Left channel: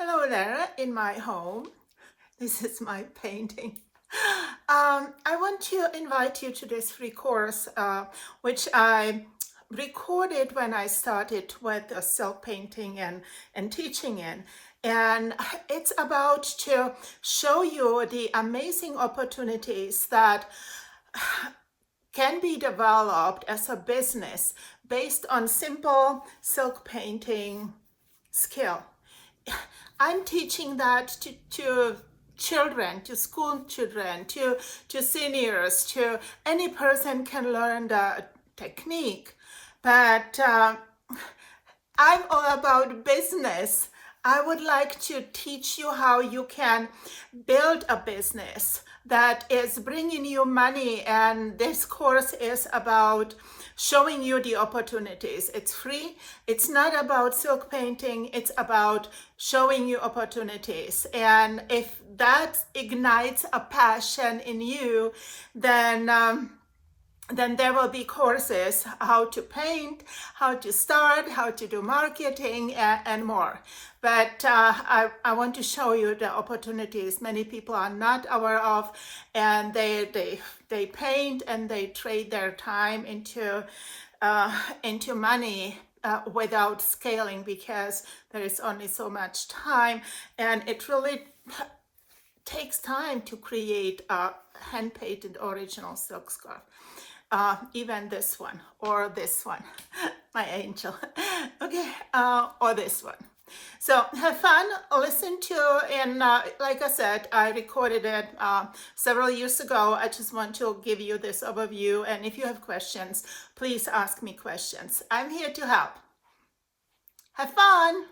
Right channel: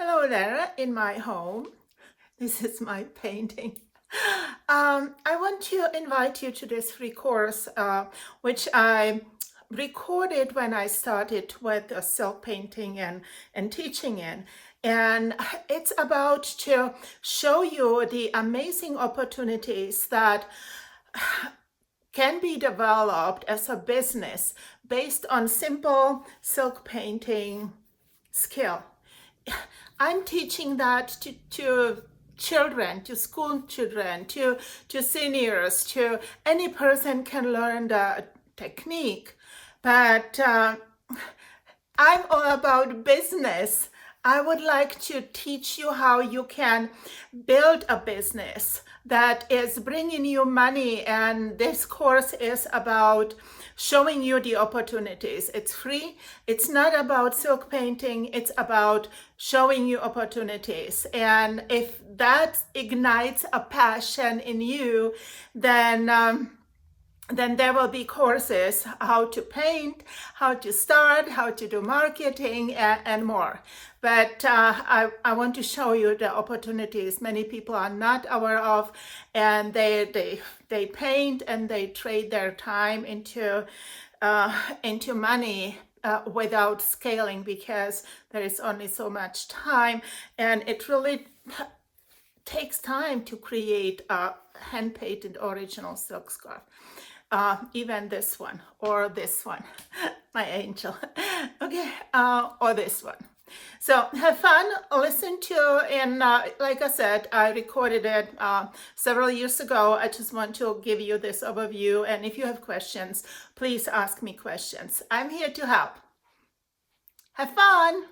Hello there in my home. This is my painting. I want to invite you to this free course, which I recorded when I started with silk painting and teaching in. And it's about to show you the amazing opportunities that can be developed as a business based on simple silk painting skill. I'm teaching that to children, to school children, to seniors, to any person can learn the technique. But I'm all about business. I would like to teach you how you can build a business that is bringing you money, and this course is about showing you the opportunities. It's free. It's not about silk painting. It's about showing you opportunities. And if that ignites a passion in you, then there will be courses how to paint, how to start, how to do marketing, and more. But I want to show you the opportunities many people are not aware of, and they paint and they trade their time into money without scaling, because there is only so much time, and it really takes time to create a hand-painted original silk scarf. Even this one or this one, my angel, okay, or this one. So have fun, listen to, and like I said, I recorded it several years ago. I just want to give you this overview, and if you have questions, please ask me questions. I'm here to help. Have fun.